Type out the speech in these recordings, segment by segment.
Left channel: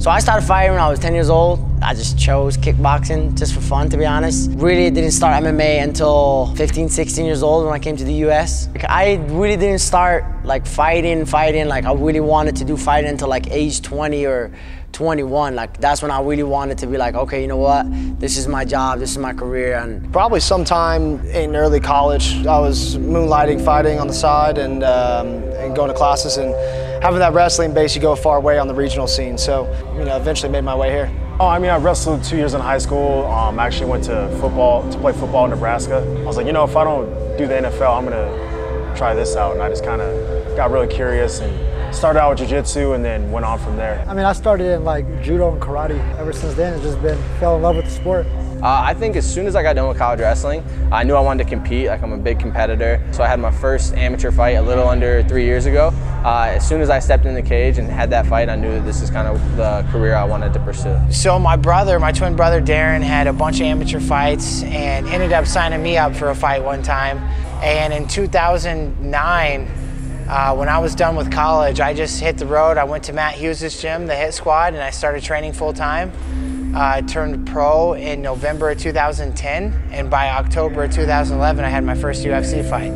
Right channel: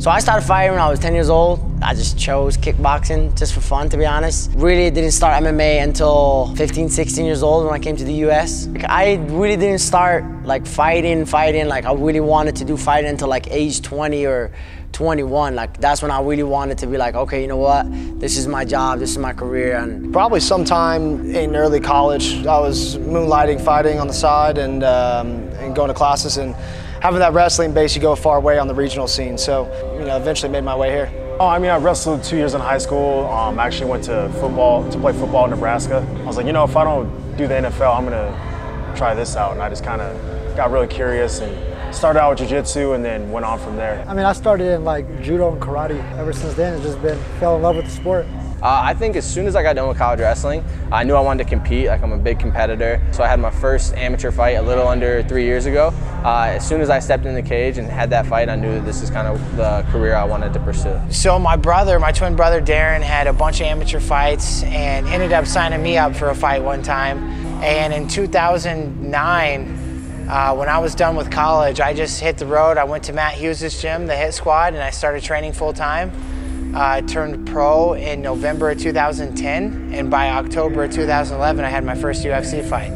So I started fighting when I was 10 years old. I just chose kickboxing just for fun, to be honest. Really didn't start MMA until 15, 16 years old when I came to the US. Like, I really didn't start like fighting. Like I really wanted to do fighting until like age 20 or 21. Like that's when I really wanted to be like, okay, you know what? This is my job, this is my career. And probably sometime in early college, I was moonlighting, fighting on the side and going to classes, and having that wrestling base, you go far away on the regional scene. So, you know, eventually made my way here. Oh, I mean, I wrestled 2 years in high school. I actually went to play football in Nebraska. I was like, you know, if I don't do the NFL, I'm gonna try this out. And I just kind of got really curious and started out with jiu-jitsu and then went on from there. I mean, I started in like judo and karate. Ever since then, it's just fell in love with the sport. I think as soon as I got done with college wrestling, I knew I wanted to compete. Like, I'm a big competitor. So I had my first amateur fight a little under 3 years ago. As soon as I stepped in the cage and had that fight, I knew that this is kind of the career I wanted to pursue. So my twin brother Darren, had a bunch of amateur fights and ended up signing me up for a fight one time. And in 2009, when I was done with college, I just hit the road. I went to Matt Hughes' gym, the Hit Squad, and I started training full time. I turned pro in November of 2010, and by October of 2011, I had my first UFC fight.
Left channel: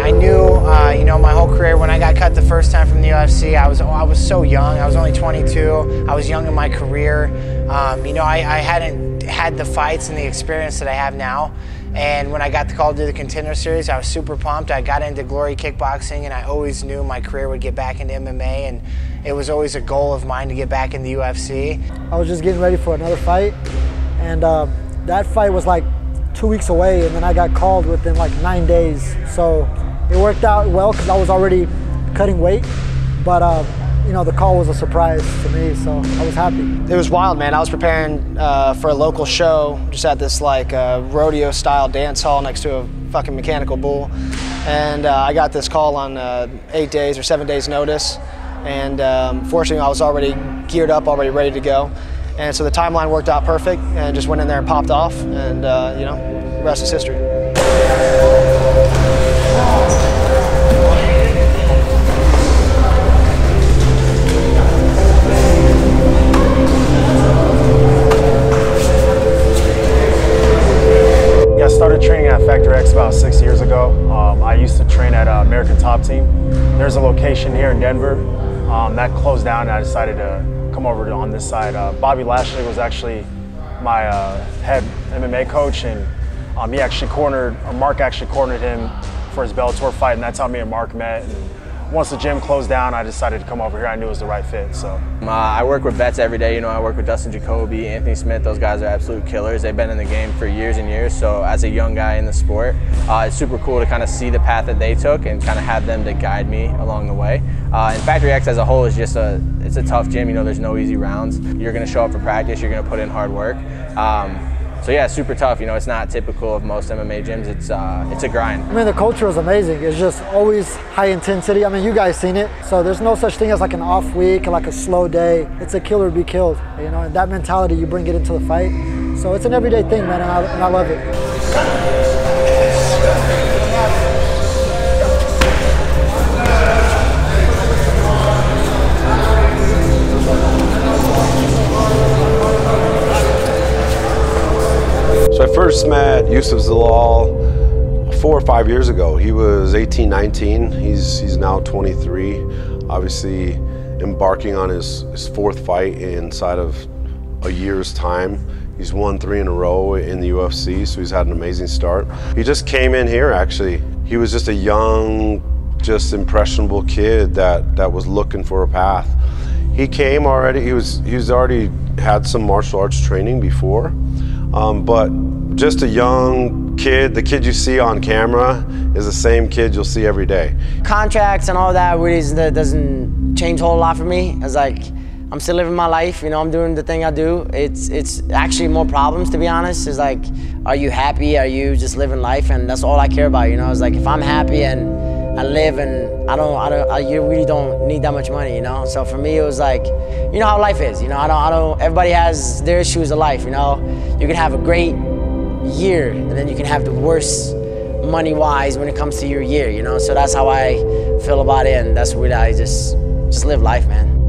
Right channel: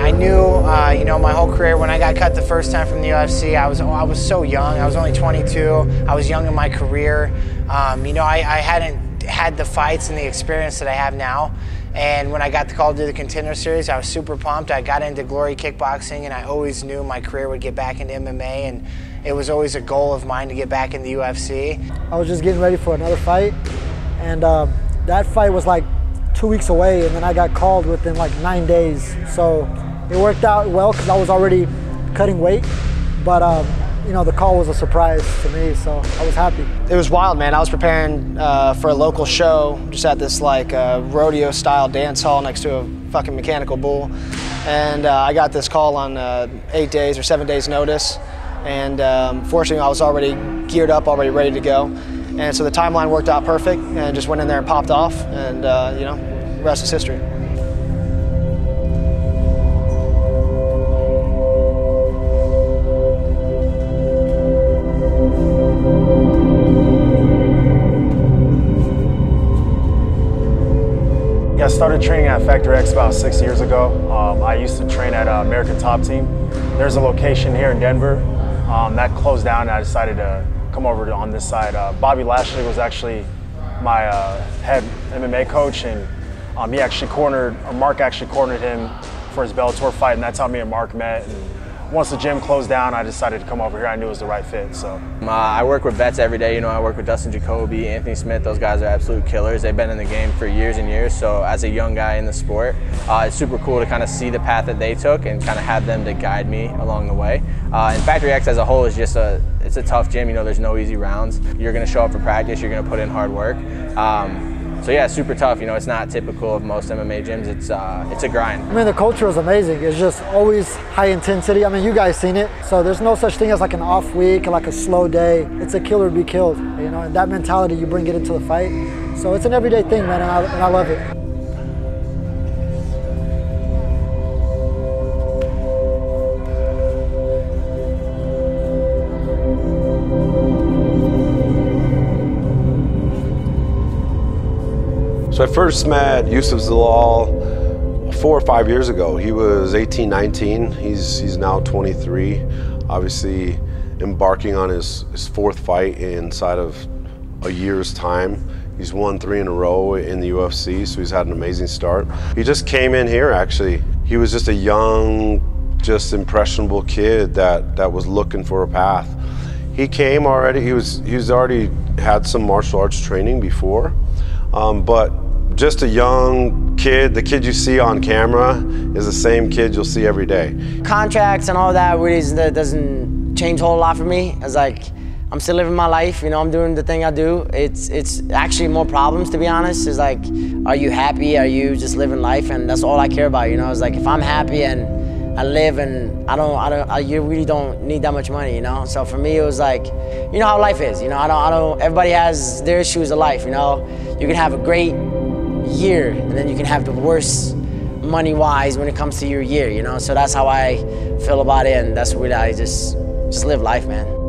I knew, you know, my whole career, when I got cut the first time from the UFC, I was so young. I was only 22. I was young in my career. You know, I hadn't had the fights and the experience that I have now. And when I got the call to do the Contender Series, I was super pumped. I got into Glory Kickboxing, and I always knew my career would get back into MMA, and it was always a goal of mine to get back in the UFC. I was just getting ready for another fight, and that fight was like 2 weeks away, and then I got called within like 9 days. So it worked out well because I was already cutting weight, but you know, the call was a surprise to me, so I was happy. It was wild, man. I was preparing for a local show, just at this like rodeo-style dance hall next to a fucking mechanical bull, and I got this call on 8 days or 7 days notice, and fortunately I was already geared up, already ready to go, and so the timeline worked out perfect, and just went in there and popped off, and you know, the rest is history. Yeah, I started training at Factory X about 6 years ago. I used to train at American Top Team. There's a location here in Denver that closed down, and I decided to come over to on this side. Bobby Lashley was actually my head MMA coach, and Mark actually cornered him for his Bellator fight, and that's how me and Mark met. And once the gym closed down, I decided to come over here. I knew it was the right fit, so. I work with vets every day. You know, I work with Dustin Jacoby, Anthony Smith. Those guys are absolute killers. They've been in the game for years and years. So as a young guy in the sport, it's super cool to kind of see the path that they took and kind of have them to guide me along the way. And Factory X as a whole is just it's a tough gym. You know, there's no easy rounds. You're going to show up for practice. You're going to put in hard work. So yeah, it's super tough. You know, it's not typical of most MMA gyms. It's a grind. I mean, the culture is amazing. It's just always high intensity. I mean, you guys seen it. So there's no such thing as like an off week or like a slow day. It's a kill or be killed. You know, and that mentality, you bring it into the fight. So it's an everyday thing, man, and I love it. So I first met Youssef Zalal 4 or 5 years ago. He was 18, 19. He's now 23. Obviously embarking on his fourth fight inside of a year's time. He's won 3 in a row in the UFC, so he's had an amazing start. He just came in here, actually. He was just a young, just impressionable kid that was looking for a path. He came already, he's already had some martial arts training before, but just a young kid. The kid you see on camera is the same kid you'll see every day. Contracts and all that really doesn't change a whole lot for me. It's like, I'm still living my life, you know, I'm doing the thing I do. It's actually more problems, to be honest. It's like, are you happy? Are you just living life? And that's all I care about, you know. It's like, if I'm happy and I live, and you really don't need that much money, you know? So for me, it was like, you know how life is, you know? Everybody has their issues of life, you know? You can have a great year, and then you can have the worst money-wise when it comes to your year, you know? So that's how I feel about it, and that's really, I just live life, man.